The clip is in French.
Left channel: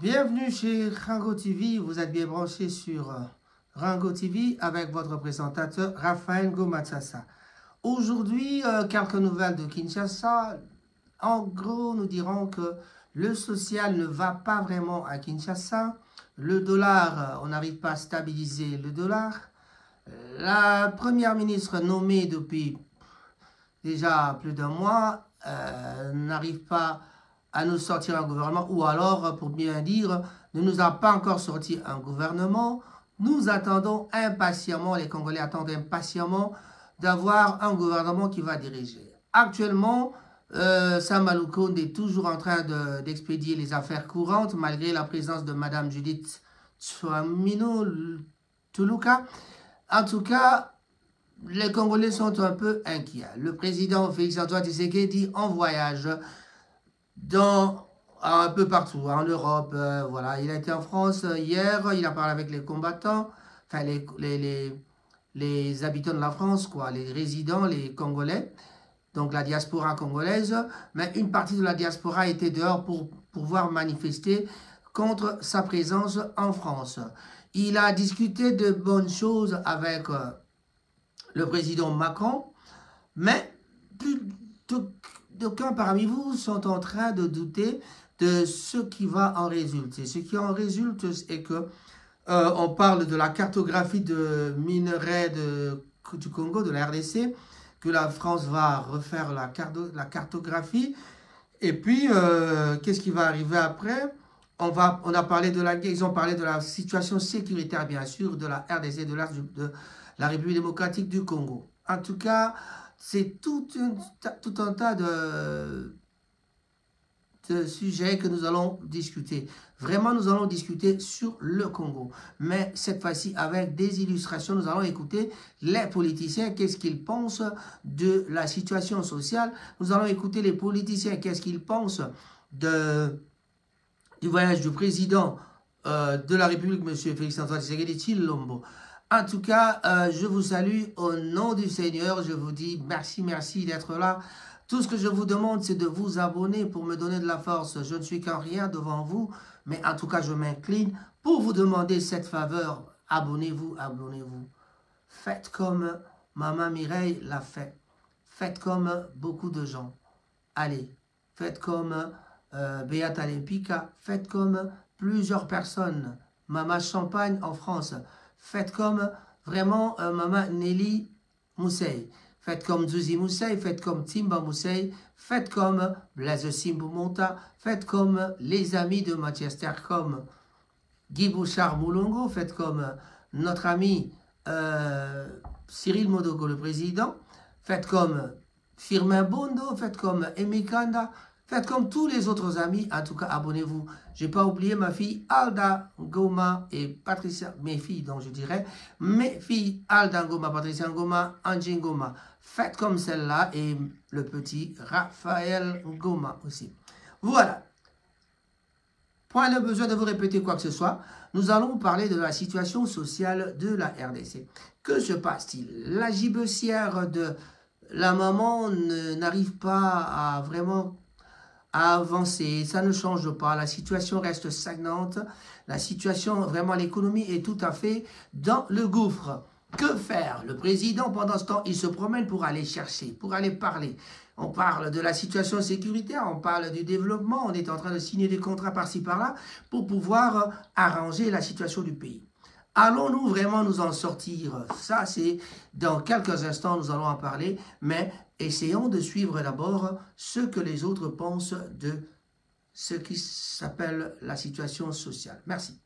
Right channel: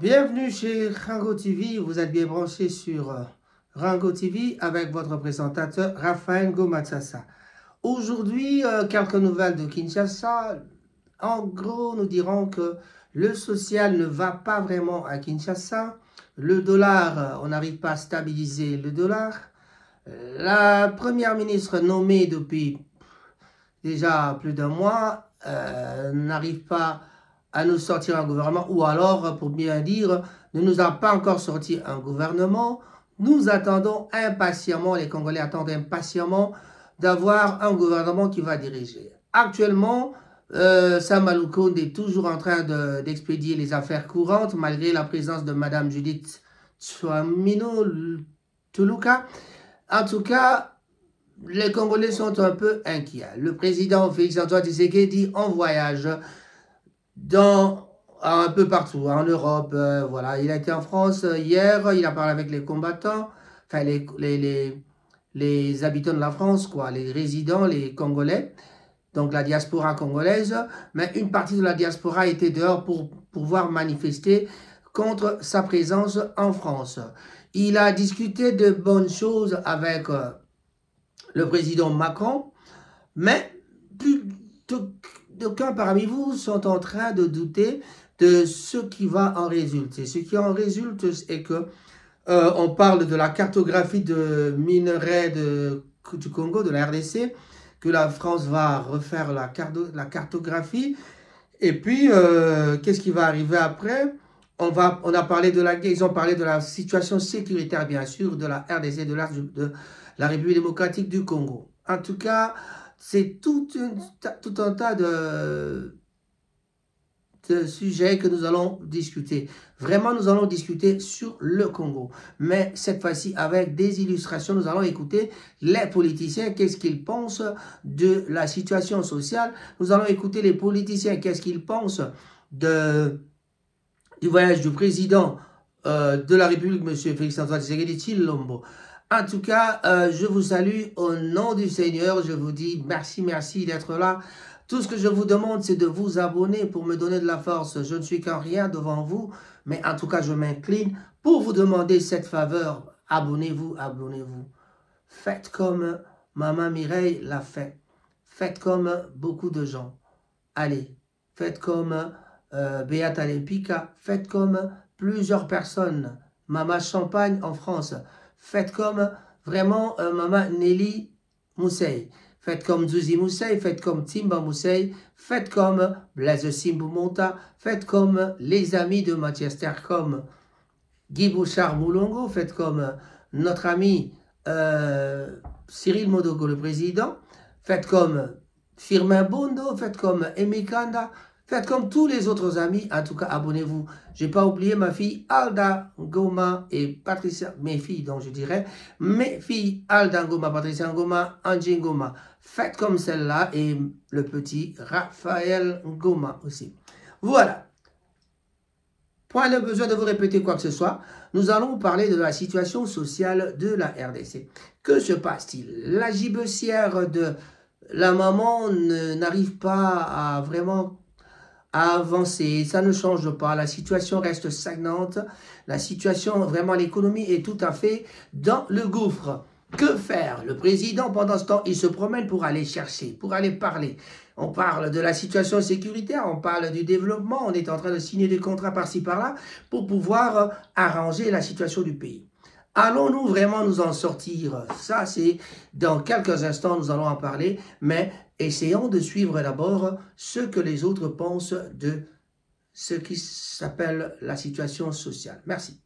Bienvenue chez Rango TV, vous êtes bien branché sur Rango TV avec votre présentateur Raphaël Ngomatsasa. Aujourd'hui, quelques nouvelles de Kinshasa. En gros, nous dirons que le social ne va pas vraiment à Kinshasa. Le dollar, on n'arrive pas à stabiliser le dollar. La première ministre nommée depuis déjà plus d'un mois n'arrive pas à nous sortir un gouvernement, ou alors, pour bien dire, ne nous a pas encore sorti un gouvernement. Nous attendons impatiemment, les Congolais attendent impatiemment d'avoir un gouvernement qui va diriger. Actuellement, Sama Lukonde est toujours en train d'expédier les affaires courantes, malgré la présence de Madame Judith Tsuamino Tuluka. En tout cas, les Congolais sont un peu inquiets. Le président Félix-Antoine Tshisekedi en voyage un peu partout, en Europe, voilà. Il a été en France hier, il a parlé avec les combattants, enfin les habitants de la France, quoi, les résidents, les Congolais, donc la diaspora congolaise, mais une partie de la diaspora était dehors pour pouvoir manifester contre sa présence en France. Il a discuté de bonnes choses avec le président Macron, mais d'aucuns parmi vous sont en train de douter de ce qui va en résulter. Ce qui en résulte est que on parle de la cartographie de minerais du Congo, de la RDC, que la France va refaire la cartographie. Et puis, qu'est-ce qui va arriver après? On a parlé de ils ont parlé de la situation sécuritaire, bien sûr, de la RDC, de la République démocratique du Congo. En tout cas, c'est tout un tas de sujets que nous allons discuter. Vraiment, nous allons discuter sur le Congo. Mais cette fois-ci, avec des illustrations, nous allons écouter les politiciens, qu'est-ce qu'ils pensent de la situation sociale. Nous allons écouter les politiciens, qu'est-ce qu'ils pensent du voyage du président de la République, M. Félix-Antoine Tshisekedi Tshilombo. En tout cas, je vous salue au nom du Seigneur. Je vous dis merci d'être là. Tout ce que je vous demande, c'est de vous abonner pour me donner de la force. Je ne suis qu'un rien devant vous, mais en tout cas, je m'incline pour vous demander cette faveur. Abonnez-vous, abonnez-vous. Faites comme Maman Mireille l'a fait. Faites comme beaucoup de gens. Allez, faites comme Beata Lepika. Faites comme plusieurs personnes. Maman Champagne en France. Faites comme vraiment Maman Nelly Moussey. Faites comme Zuzi Moussey, faites comme Timba Moussey, faites comme Blaise Simbu Monta, faites comme les amis de Manchester, comme Guy Bouchard Moulongo, faites comme notre ami Cyril Modogo, le président, faites comme Firmin Bondo, faites comme Emikanda, faites comme tous les autres amis. En tout cas, abonnez-vous. Je n'ai pas oublié ma fille Alda Ngoma et Patricia, mes filles, donc je dirais, mes filles Alda Ngoma, Patricia Ngoma, Angie Ngoma. Faites comme celle-là et le petit Raphaël Ngoma aussi. Voilà. Point le besoin de vous répéter quoi que ce soit. Nous allons parler de la situation sociale de la RDC. Que se passe-t-il? La gibecière de la maman n'arrive pas à vraiment avancer, ça ne change pas, la situation reste stagnante, la situation, vraiment l'économie est tout à fait dans le gouffre. Que faire? Le président, pendant ce temps, il se promène pour aller chercher, pour aller parler. On parle de la situation sécuritaire, on parle du développement, on est en train de signer des contrats par-ci par-là pour pouvoir arranger la situation du pays. Allons-nous vraiment nous en sortir? Ça, c'est dans quelques instants, nous allons en parler, mais essayons de suivre d'abord ce que les autres pensent de ce qui s'appelle la situation sociale. Merci.